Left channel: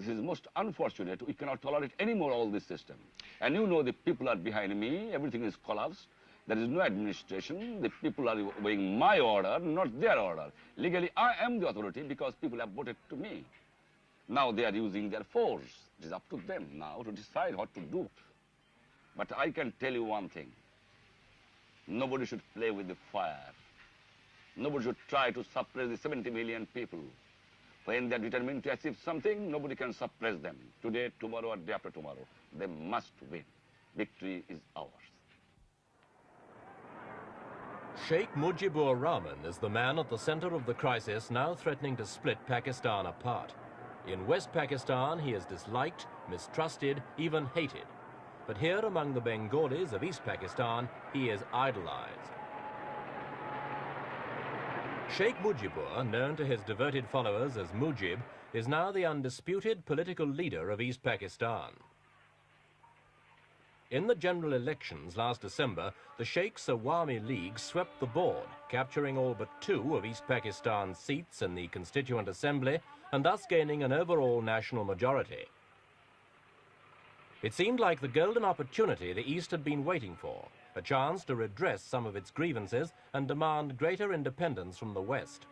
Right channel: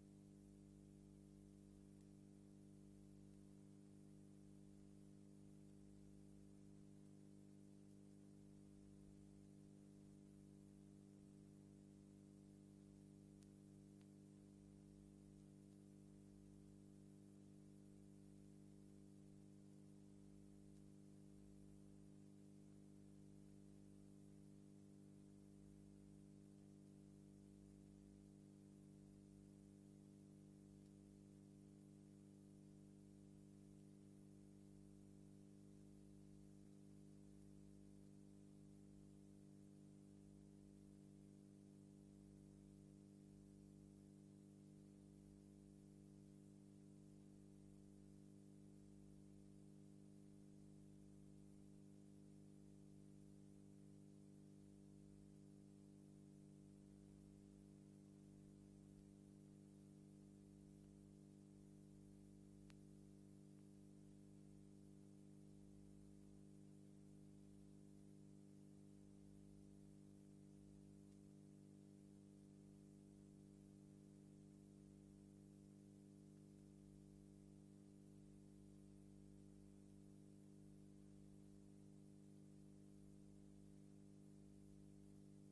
This is most unfortunate. We cannot tolerate anymore all this system. And you know the people are behind me. Everything is collapsed. There is no administration. The people are obeying my order, not their order. Legally, I am the authority because people have voted to me. Now they are using their force. It is up to them now to decide what to do. But I can tell you one thing. Nobody should play with the fire. Nobody should try to suppress the 70 million people. When they are determined to achieve something, nobody can suppress them. Today, tomorrow, or day after tomorrow. They must win. Victory is ours. Sheikh Mujibur Rahman is the man at the center of the crisis now threatening to split Pakistan apart. In West Pakistan, he is disliked, mistrusted, even hated. But here among the Bengalis of East Pakistan, he is idolized. Sheikh Mujibur, known to his devoted followers as Mujib, is now the undisputed political leader of East Pakistan. In the general elections last December, the Sheikh's Awami League swept the board, capturing all but 2 of East Pakistan's seats in the Constituent Assembly and thus gaining an overall national majority. It seemed like the golden opportunity the East had been waiting for, a chance to redress some of its grievances and demand greater independence from the West.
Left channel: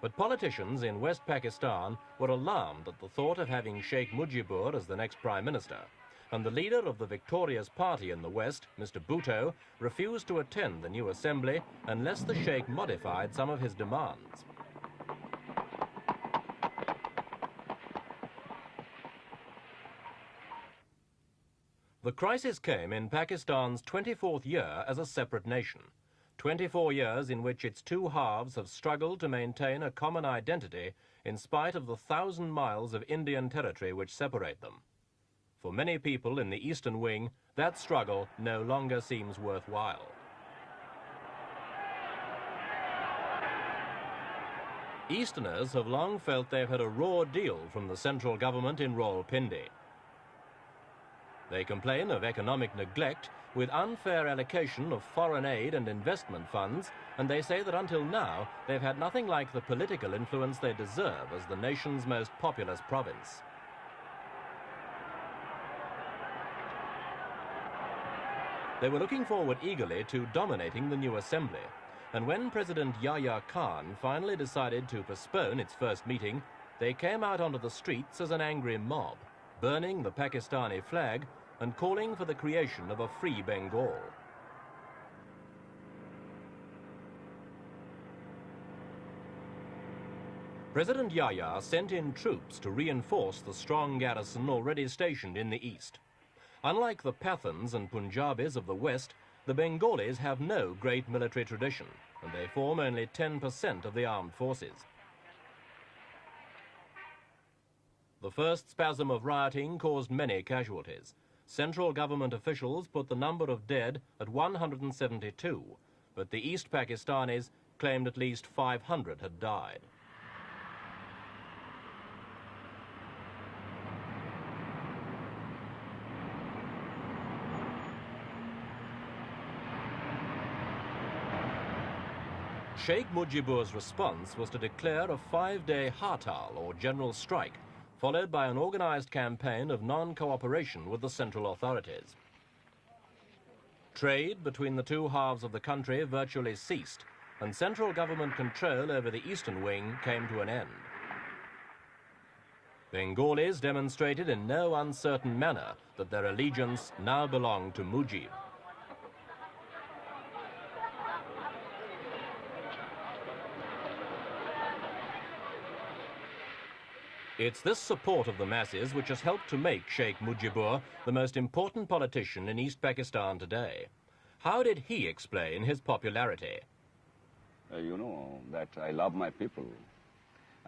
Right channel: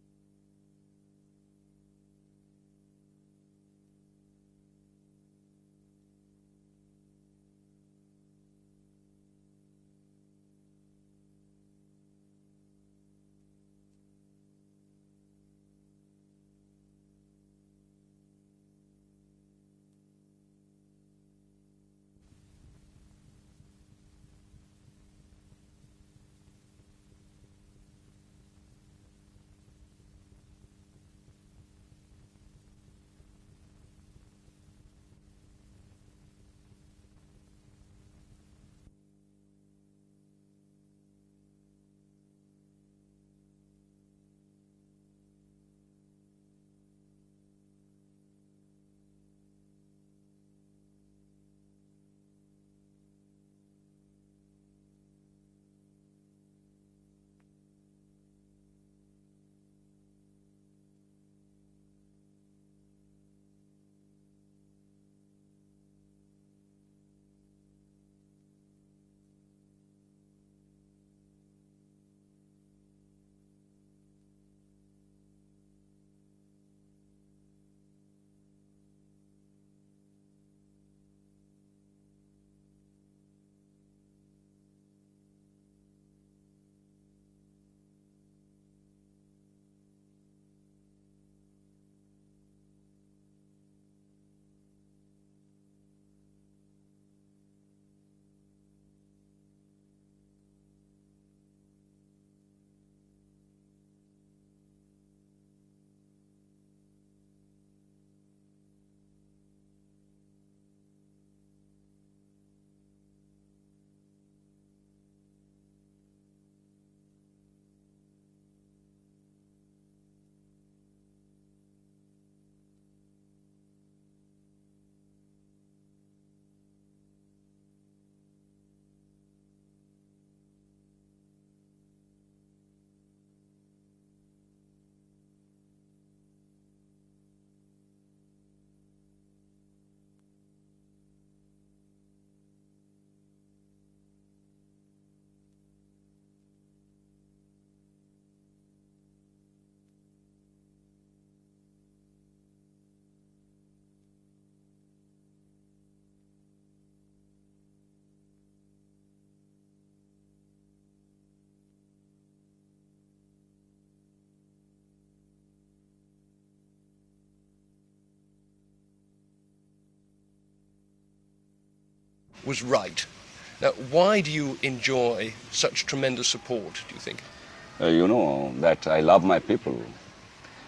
But politicians in West Pakistan were alarmed at the thought of having Sheikh Mujibur as the next Prime Minister, and the leader of the victorious party in the West, Mr. Bhutto, refused to attend the new assembly unless the Sheikh modified some of his demands. The crisis came in Pakistan's 24th year as a separate nation, 24 years in which its 2 halves have struggled to maintain a common identity in spite of the 1,000 miles of Indian territory which separate them. For many people in the Eastern Wing, that struggle no longer seems worthwhile. Easterners have long felt they've had a raw deal from the central government in Rawalpindi. They complain of economic neglect with unfair allocation of foreign aid and investment funds, and they say that until now they've had nothing like the political influence they deserve as the nation's most populous province. They were looking forward eagerly to dominating the new assembly, and when President Yahya Khan finally decided to postpone its first meeting, they came out onto the streets as an angry mob, burning the Pakistani flag and calling for the creation of a free Bengal. President Yahya sent in troops to reinforce the strong garrison already stationed in the east. Unlike the Pathans and Punjabis of the west, the Bengalis have no great military tradition, and they form only 10% of the armed forces. The first spasm of rioting caused many casualties. Central government officials put the number of dead at 172, but the East Pakistanis claimed at least 500 had died. Sheikh Mujibur's response was to declare a 5-day hartal, or general strike, followed by an organized campaign of non-cooperation with the central authorities. Trade between the 2 halves of the country virtually ceased, and central government control over the eastern wing came to an end. Bengalis demonstrated in no uncertain manner that their allegiance now belonged to Mujib. It's this support of the masses which has helped to make Sheikh Mujibur the most important politician in East Pakistan today. Now, why do you enjoy such tremendous support, do you think? You know that I love my people,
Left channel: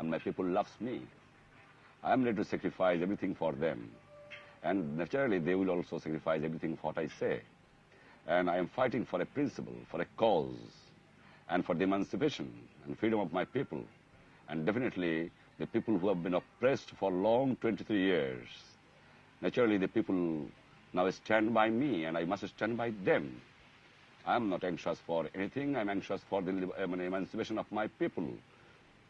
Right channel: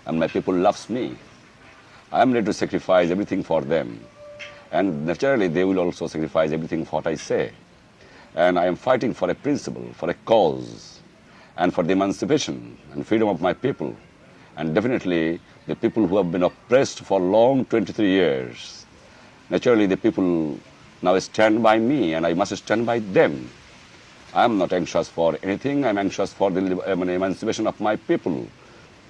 and my people loves me. I'm ready to sacrifice everything for them, and naturally they will also sacrifice everything for what I say. And I am fighting for a principle, for a cause, and for the emancipation and freedom of my people. And definitely the people who have been oppressed for long 23 years. Naturally the people now stand by me, and I must stand by them. I'm not anxious for anything. I'm anxious for the emancipation of my people.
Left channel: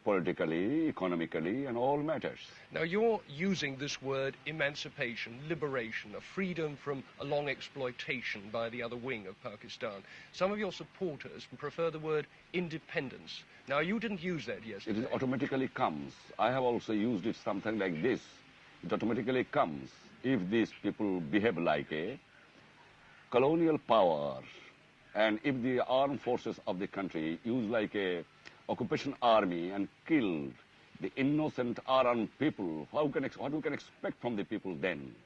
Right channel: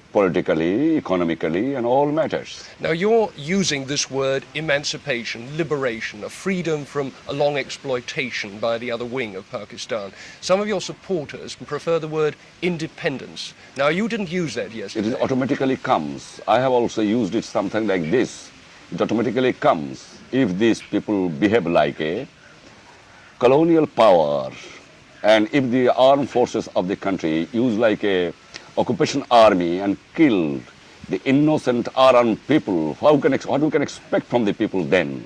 politically, economically, and all matters. Now, you're using this word emancipation, liberation, a freedom from a long exploitation by the other wing of Pakistan. Some of your supporters prefer the word independence. Now, you didn't use that yesterday. It automatically comes. I have also used it something like this. It automatically comes if these people behave like a colonial power, and if the armed forces of the country use like a occupation army and kill the innocent unarmed people, what we can expect from the people then?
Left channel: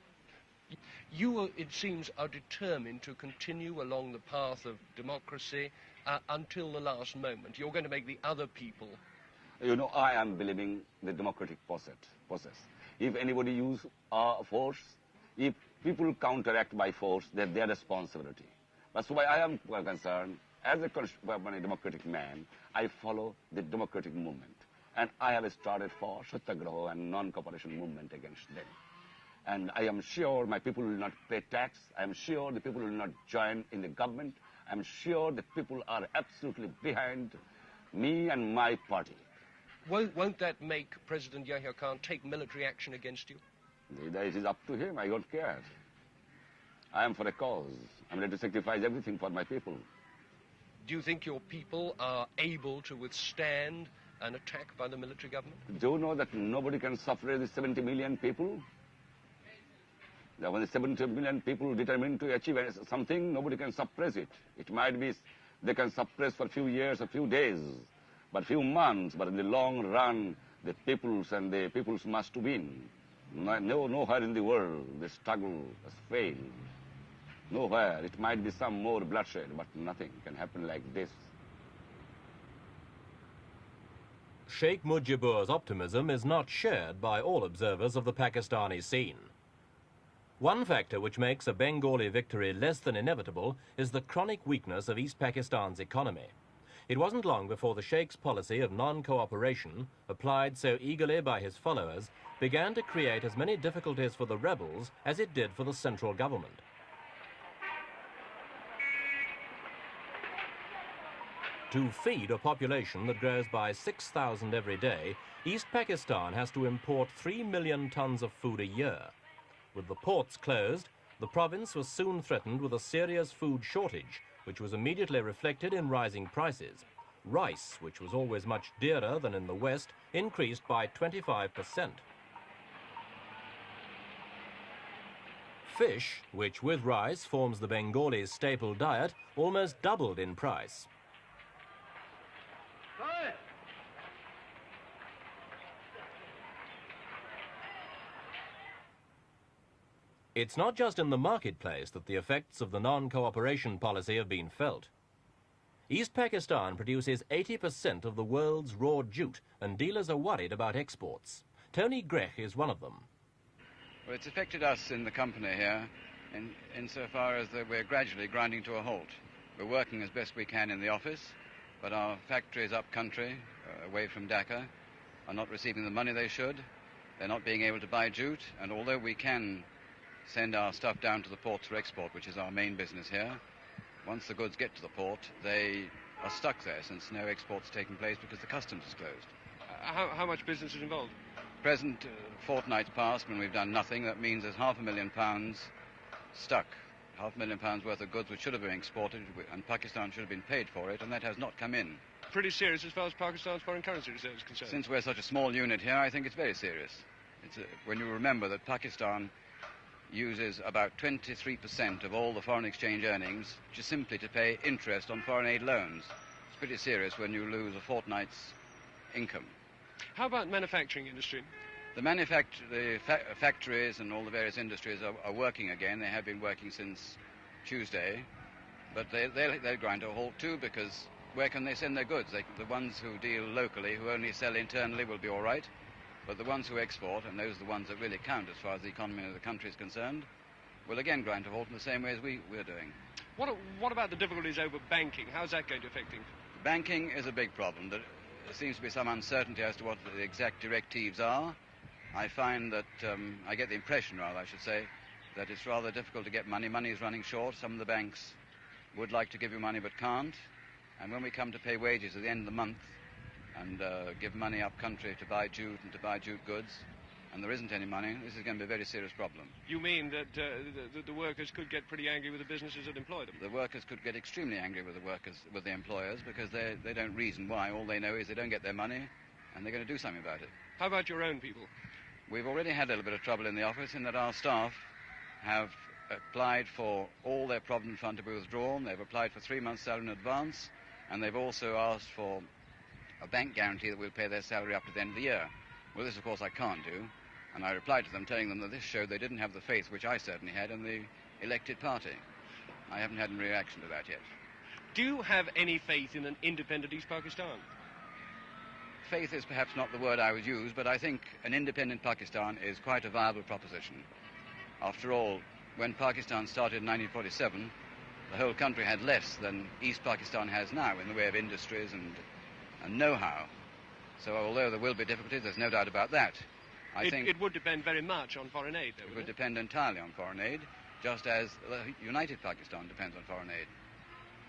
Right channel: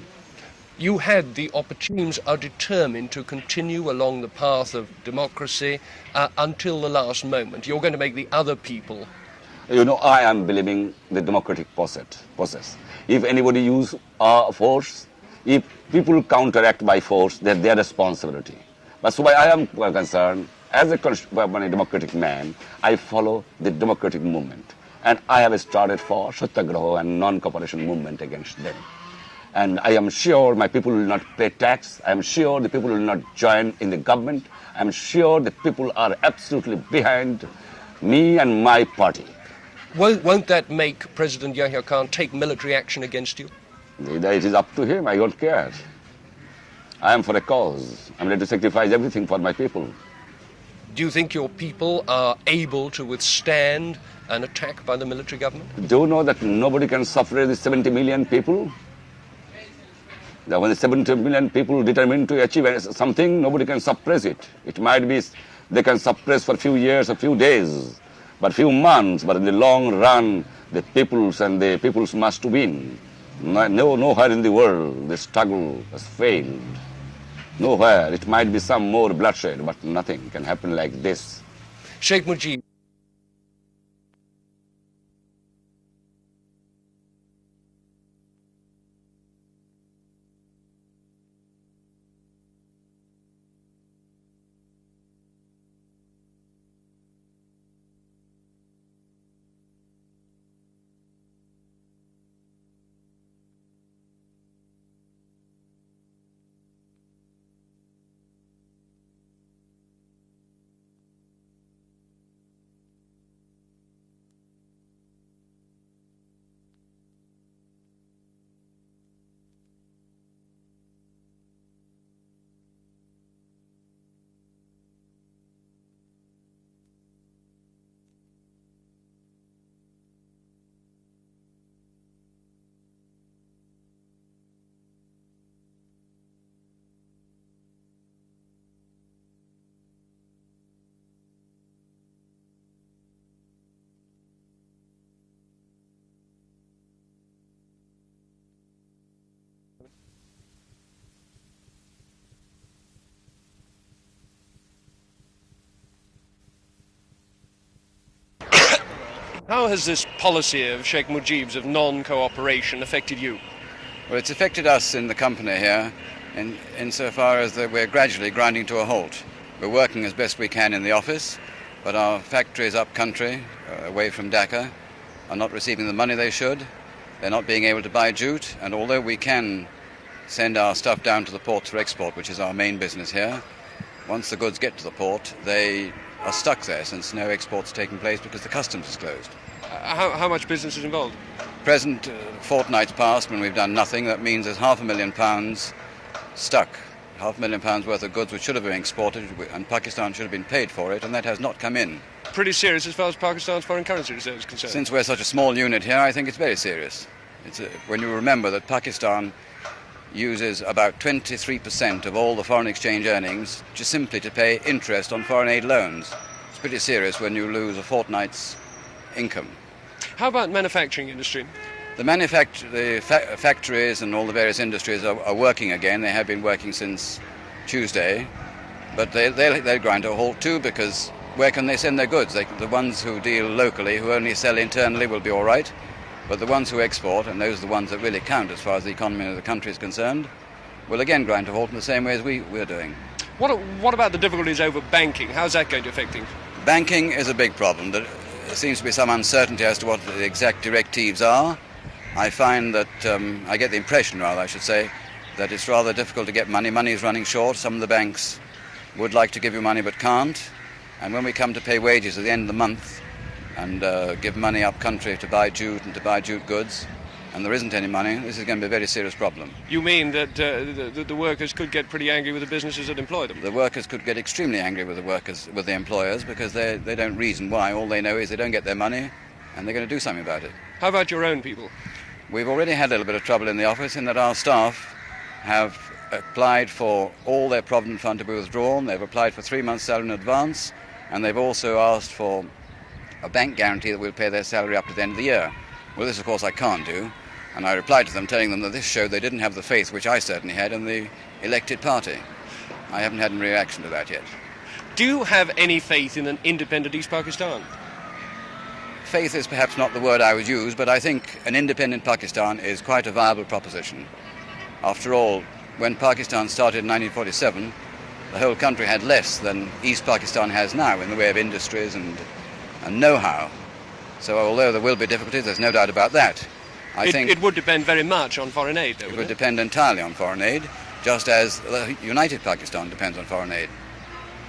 You had the opportunities are determined to continue along the path of democracy until the last moment. You're going to make the other people. You know, I am believing the democratic process. If anybody use force, if people counteract by force, that's their responsibility. That's why I am concerned, as a democratic man, I follow the democratic movement. And I have started for Satyagraha and non-cooperation movement against them. And I am sure my people will not pay tax. I am sure the people will not join in the government. I am sure the people are absolutely behind me and my party. Won't that make President Yahya Khan take military action against you? It is up to him. I don't care. I am for a cause. I'm ready to sacrifice everything for my people. Do you think your people are able to withstand an attack by the military government? Do you know that nobody can suppress the 70 million people? That when the 70 million people determined to achieve something, nobody can suppress it. It might be they can suppress for a few years, a few days, but few months, but in the long run, the peoples must win. Nowhere in the world the struggle has failed. Nowhere. It might be some more bloodshed, but nothing can happen like this. Sheikh Mujib. Sheikh Mujibur's optimism is not shared by all observers of the Pakistani scene. One factor which makes a Bengali victory less than inevitable is the chronic weakness of East Pakistan's economy. It wasn't long before the Sheikh's policy of non-cooperation, applied so eagerly by his followers, began to create as many difficulties for the rebels as it did for the central government. To feed a population that grows by 6,000 every day, East Pakistan has to import 3 million tons of food a year. With the ports closed, the province was soon threatened with a serious food shortage, which was immediately reflected in rising prices. Rice, which was always much dearer than in the West, increased by 25%. Fish, which with rice forms the Bengalis' staple diet, almost doubled in price. It's not just in the marketplace that the effects of the non-cooperation policy have been felt. East Pakistan produces 80% of the world's raw jute. How has this policy of Sheikh Mujib's of non-cooperation affected you? Well, it's affected us in the company here insofar as that we're gradually grinding to a halt. We're working as best we can in the office, but our factories up country, away from Dhaka, are not receiving the money they should. They're not being able to buy jute, and although we can send our stuff down to the ports for export, which is our main business here, once the goods get to the port, they are stuck there since no export's taking place because the customs is closed. How much business is involved? Present fortnight's past when we've done nothing. That means there's £500,000 stuck. £500,000 worth of goods which should have been exported, and Pakistan should have been paid for it, and that has not come in. Pretty serious as far as Pakistan's foreign currency reserve is concerned. Since we're such a small unit here, I think it's very serious. When you remember that Pakistan uses about 23% of all the foreign exchange earnings just simply to pay interest on foreign aid loans. It's pretty serious when you lose a fortnight's income. How about manufacturing industry? The factories and all the various industries are working again. They have been working since Tuesday, but they'll grind to a halt too, because where can they send their goods? The ones who deal locally, who only sell internally, will be all right. But the ones who export, and those are the ones that really count as far as the economy of the country is concerned, will again grind to a halt in the same way as we're doing. What about the difficulties over banking? How's that going to affect things? Banking is a big problem. There seems to be some uncertainty as to what the exact directives are. I find that, I get the impression, rather, I should say, that it's rather difficult to get money. Money is running short. Some of the banks would like to give you money but can't. And when we come to pay wages at the end of the month, and give money up country to buy jute and to buy jute goods, and there isn't any money, this is going to be a very serious problem. You mean that the workers could get pretty angry with the businesses that employ them? The workers could get extremely angry with the employers, because they don't reason why. All they know is they don't get their money, and they're going to do something about it. How about your own people? We've already had a little bit of trouble in the office in that our staff have applied for all their Provident Fund to be withdrawn. They've applied for 3 months' salary in advance, and they've also asked for a bank guarantee that we'll pay their salary up to the end of the year. Well, this, of course, I can't do, and I replied to them telling them that this showed they didn't have the faith which I certainly had in the elected party. I haven't had any reaction to that yet. Do you have any faith in an independent East Pakistan? Faith is perhaps not the word I would use, but I think an independent Pakistan is quite a viable proposition. After all, when Pakistan started in 1947, the whole country had less than East Pakistan has now in the way of industries and know-how. So although there will be difficulties, there's no doubt about that. I think it would depend very much on foreign aid, though, it would depend entirely on foreign aid, just as United Pakistan depends on foreign aid.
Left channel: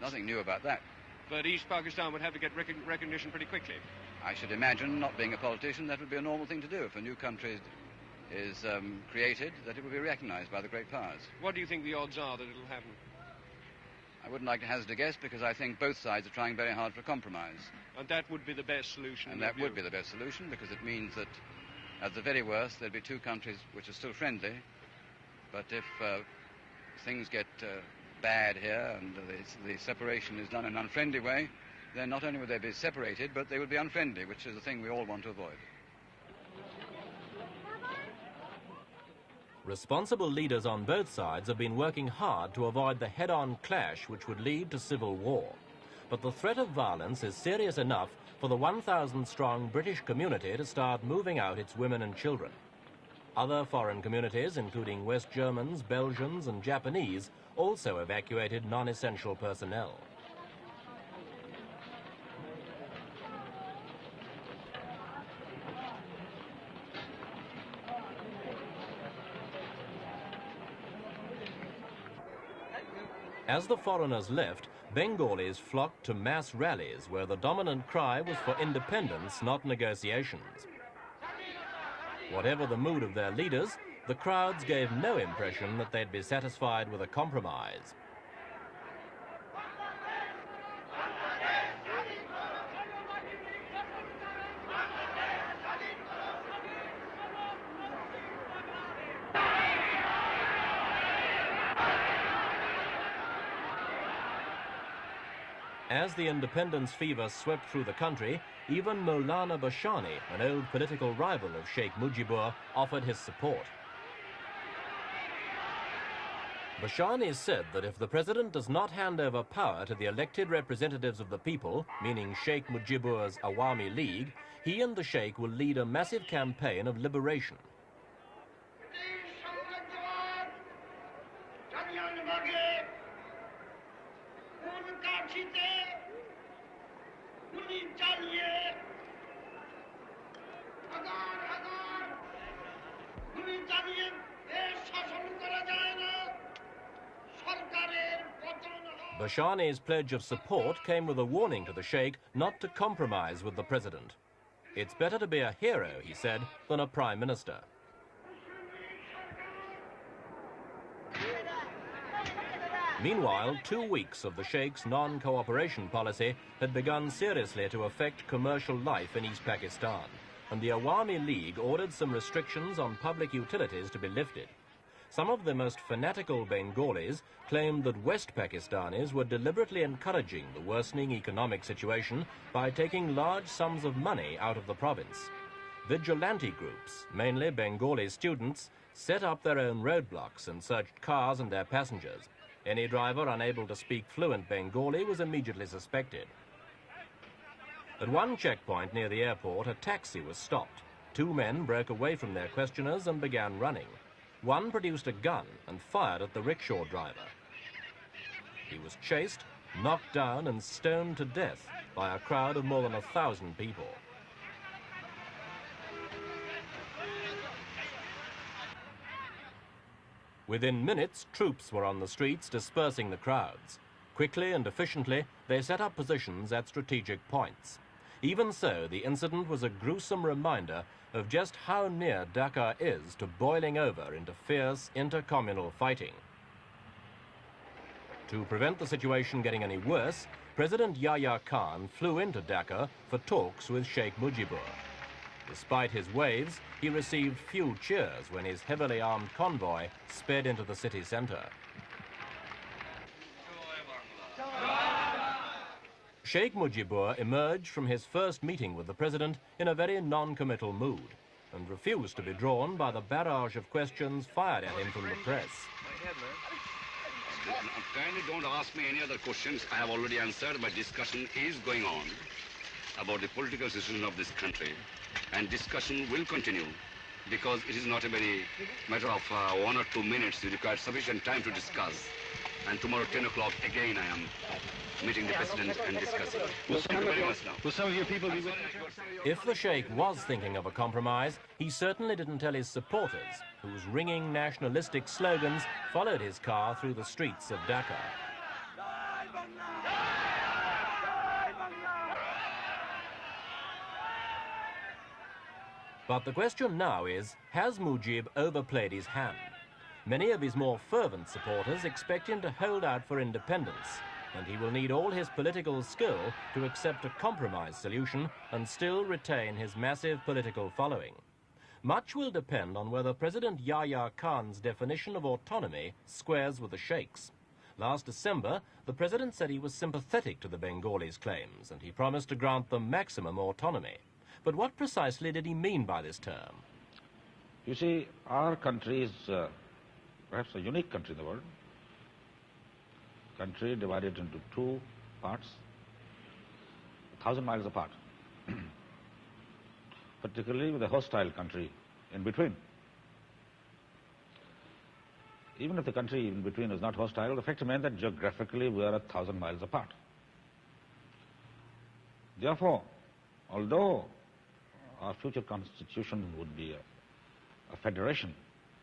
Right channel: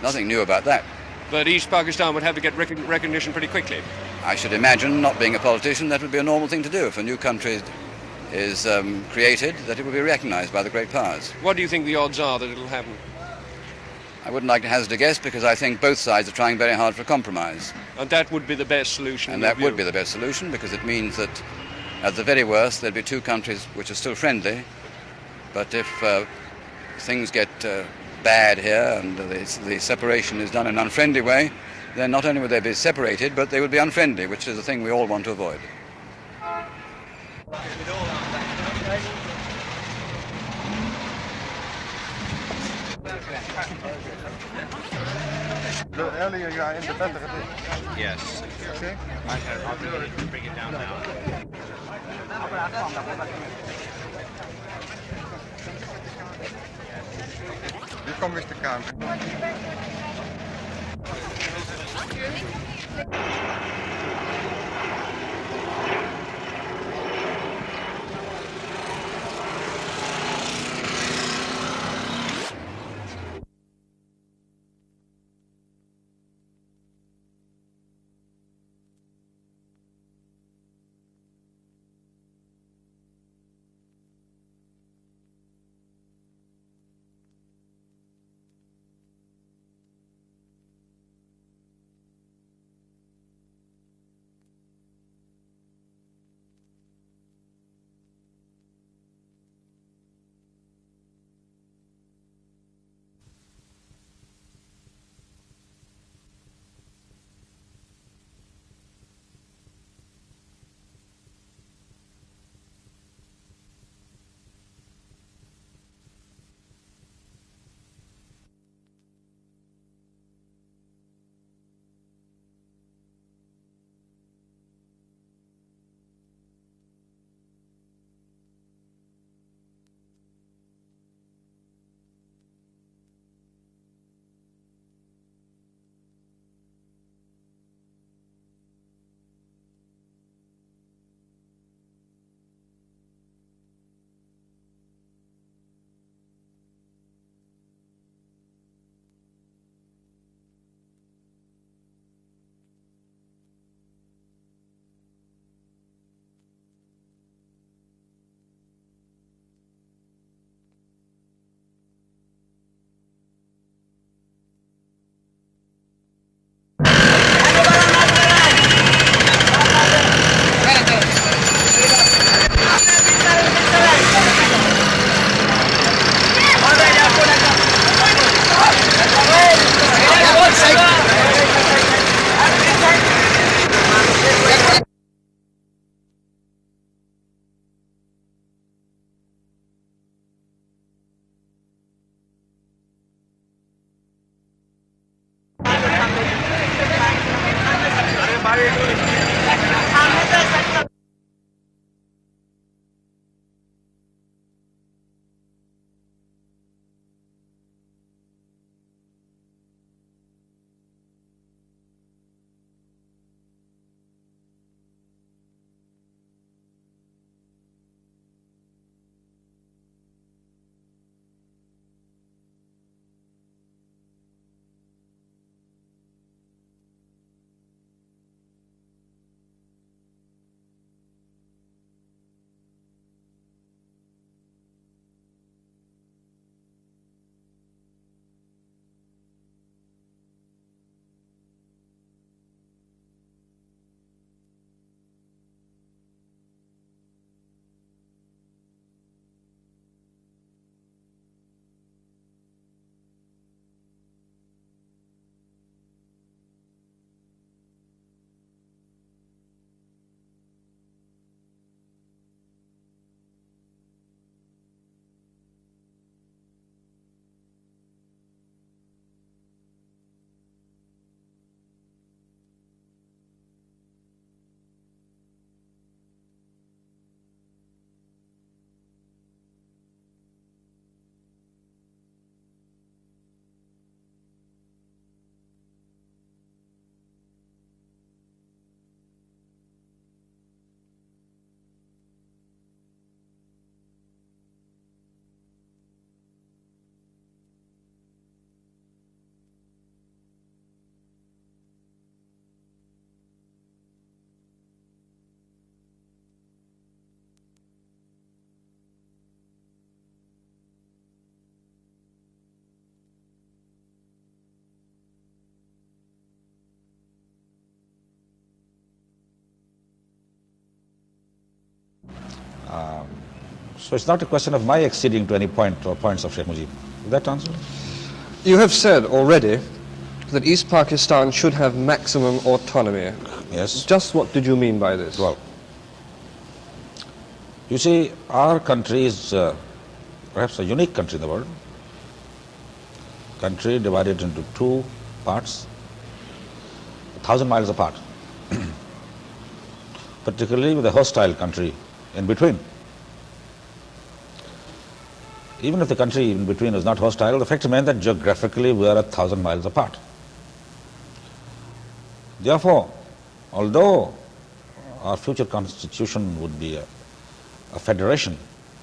Nothing new about that. But East Pakistan would have to get recognition pretty quickly. I should imagine, not being a politician, that would be a normal thing to do. If a new country is created, that it will be recognized by the great powers. What do you think the odds are that it'll happen? I wouldn't like to hazard a guess, because I think both sides are trying very hard for a compromise. And that would be the best solution? And that would be the best solution, because it means that, at the very worst, there'd be two countries which are still friendly. But if things get bad here and the separation is done in an unfriendly way, then not only would they be separated, but they would be unfriendly, which is the thing we all want to avoid. Responsible leaders on both sides have been working hard to avoid the head-on clash that could lead to civil war. The earlier you are independent, is serious enough for the 1,000-strong Afghan community is now moving out its women and children. Other foreign communities, including West Germans, Belgians, and Japanese, also evacuated non-essential personnel. As the foreigners left, Bengalis flocked to mass rallies where the dominant cry was for independence, not negotiations. Whatever the mood of their leaders, the crowds gave no impression that they'd be satisfied with a compromise. As the independence fever swept through the country, even Maulana Bashani, an old political rival of Sheikh Mujibur, offered his support. Bashani said that if the president does not hand over power to the elected representatives of the people, meaning Sheikh Mujibur's Awami League, he and the Sheikh will lead a massive campaign of liberation. Bashani's pledge of support came with a warning to the Sheikh not to compromise with the president. It's better to be a hero, he said, than a prime minister. Meanwhile, 2 weeks of the Sheikh's non-cooperation policy had begun. Province. Vigilante groups, mainly Bengali students, set up their own roadblocks and searched cars and their passengers. Any driver unable to speak fluent Bengali was immediately... 2 men broke away from their questioners and began running. One produced a gun and fired at the rickshaw driver. He was chased, knocked down and stoned to death by a crowd of more than 1,000 people. Within minutes, troops were on the streets dispersing the crowds. Quickly and efficiently, they set up positions at strategic points. Even so, the incident was a gruesome reminder of just how near Dhaka is to boiling over into fierce intercommunal fighting. To prevent the situation getting any worse, President Yahya Khan flew into Dhaka for talks with Sheikh Mujibur. Despite his waves, he received few cheers when his heavily armed convoy sped into the city centre. Sheikh Mujibur emerged from his first meeting with the president in a very non-committal mood and refused to be drawn by the barrage of questions fired at him from the press. Kindly don't ask me any other questions. I have already answered. My discussion is going on about the political situation of this country, and discussion will continue because it is not a very matter of 1 or 2 minutes. You require sufficient time to discuss. And tomorrow 10 o'clock again I am meeting the president and discussing. Will some of your people be with If the Sheikh was thinking of a compromise, he certainly didn't tell his supporters, whose ringing nationalistic slogans followed his car through the streets of Dhaka. But the question now is, has Mujib overplayed his hand? Many of his more fervent supporters expect him to hold out for independence, and he will need all his political skill to accept a compromise solution and still retain his massive political following. Much will depend on whether President Yahya So it's not a question of my acceding to any point or points of Sheikh Mujib. Is that answer? You have said already that East Pakistan should have maximum autonomy. Yes. Just what did you mean by this? Well, What did he mean by this term? you see, our country is perhaps a unique country in the world. Country divided into two parts, 1,000 miles apart, particularly with a hostile country in between. Even if the country in between is not hostile, the fact remains that geographically we are 1,000 miles apart. Therefore, although our future constitution would be a federation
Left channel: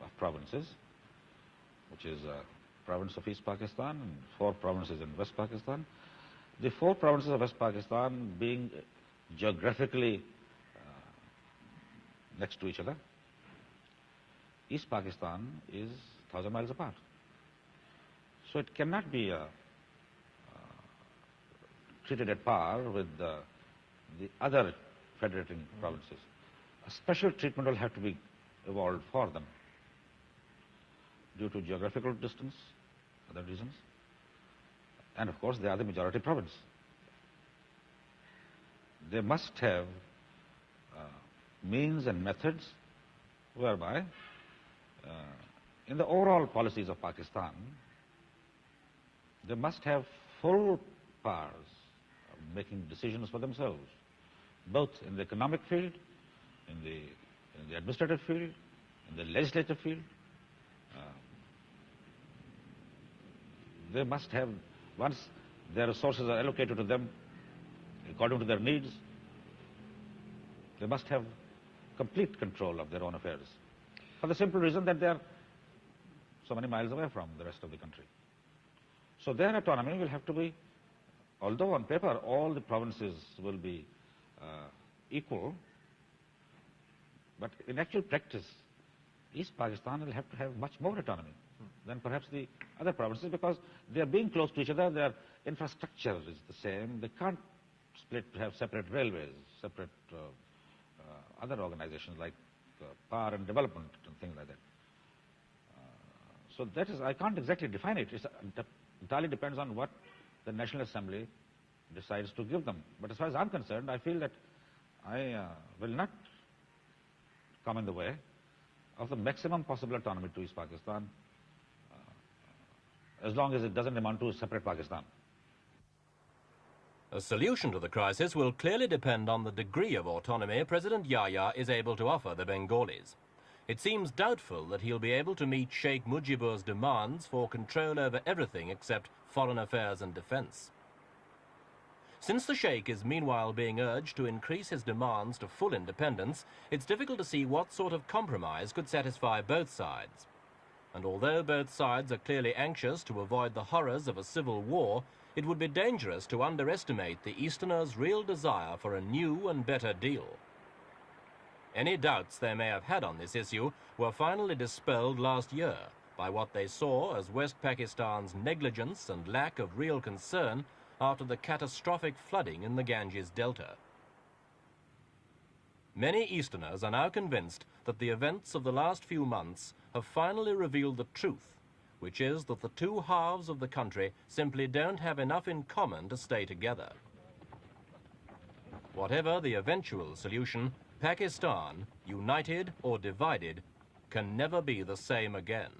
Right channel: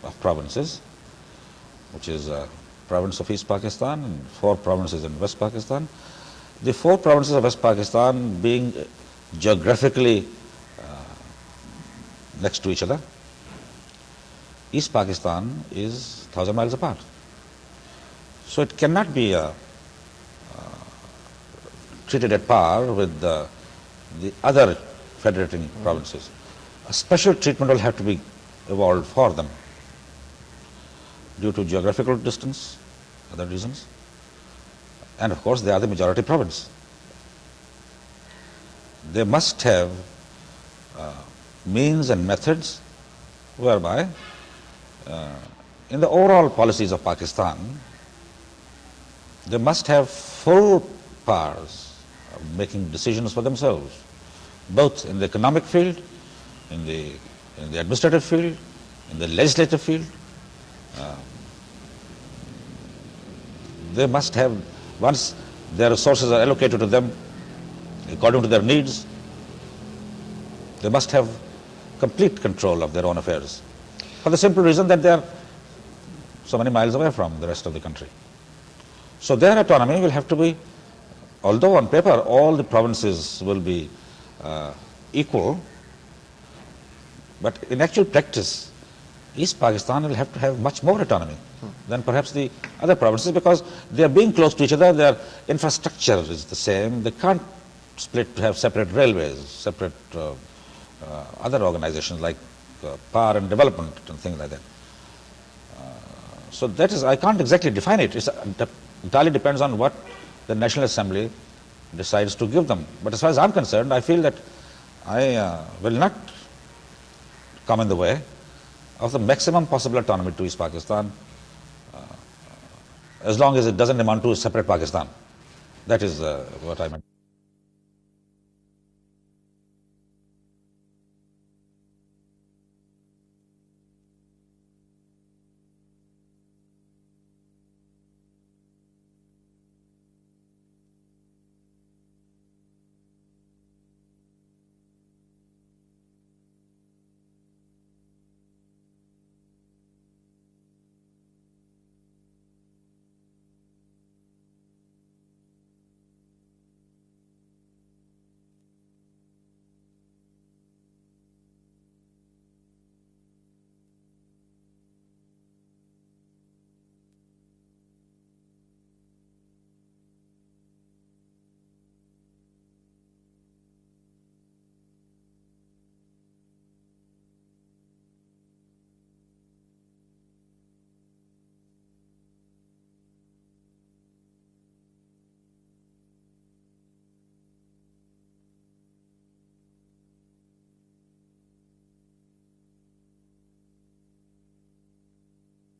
of provinces, which is a province of East Pakistan and 4 provinces in West Pakistan, the 4 provinces of West Pakistan being geographically next to each other, East Pakistan is 1,000 miles apart. So it cannot be treated at par with the other federating provinces. A special treatment will have to be evolved for them due to geographical distance, other reasons, and of course they are the majority province. They must have means and methods whereby in the overall policies of Pakistan, they must have full powers of making decisions for themselves, both in the economic field, in the administrative field, in the legislative field. They must have, once their resources are allocated to them according to their needs, they must have complete control of their own affairs, for the simple reason that they are so many miles away from the rest of the country. So their autonomy will have to be, although on paper all the provinces will be equal, but in actual practice, East Pakistan will have to have much more autonomy than perhaps the other provinces, because they are being close to each other, their infrastructure is the same, they can't split to have separate railways, separate other organizations like power and development and things like that. So that is, I can't exactly define it. It entirely depends on what the National Assembly decides to give them. But as far as I'm concerned, I feel that I will not come in the way of the maximum possible autonomy to East Pakistan, as long as it doesn't amount to a separate Pakistan. That is what I meant. A solution to the crisis will clearly depend on the degree of autonomy President Yahya is able to offer the Bengalis. It seems doubtful that he'll be able to meet Sheikh Mujibur's demands for control over everything except foreign affairs and defense. Since the Sheikh is meanwhile being urged to increase his demands to full independence, it's difficult to see what sort of compromise could satisfy both sides. And although both sides are clearly anxious to avoid the horrors of a civil war, it would be dangerous to underestimate the Easterners' real desire for a new and better deal. Any doubts they may have had on this issue were finally dispelled last year by what they saw as West Pakistan's negligence and lack of real concern after the catastrophic flooding in the Ganges Delta. Many Easterners are now convinced that the events of the last few months have finally revealed the truth, which is that the two halves of the country simply don't have enough in common to stay together. Whatever the eventual solution, Pakistan, united or divided, can never be the same again.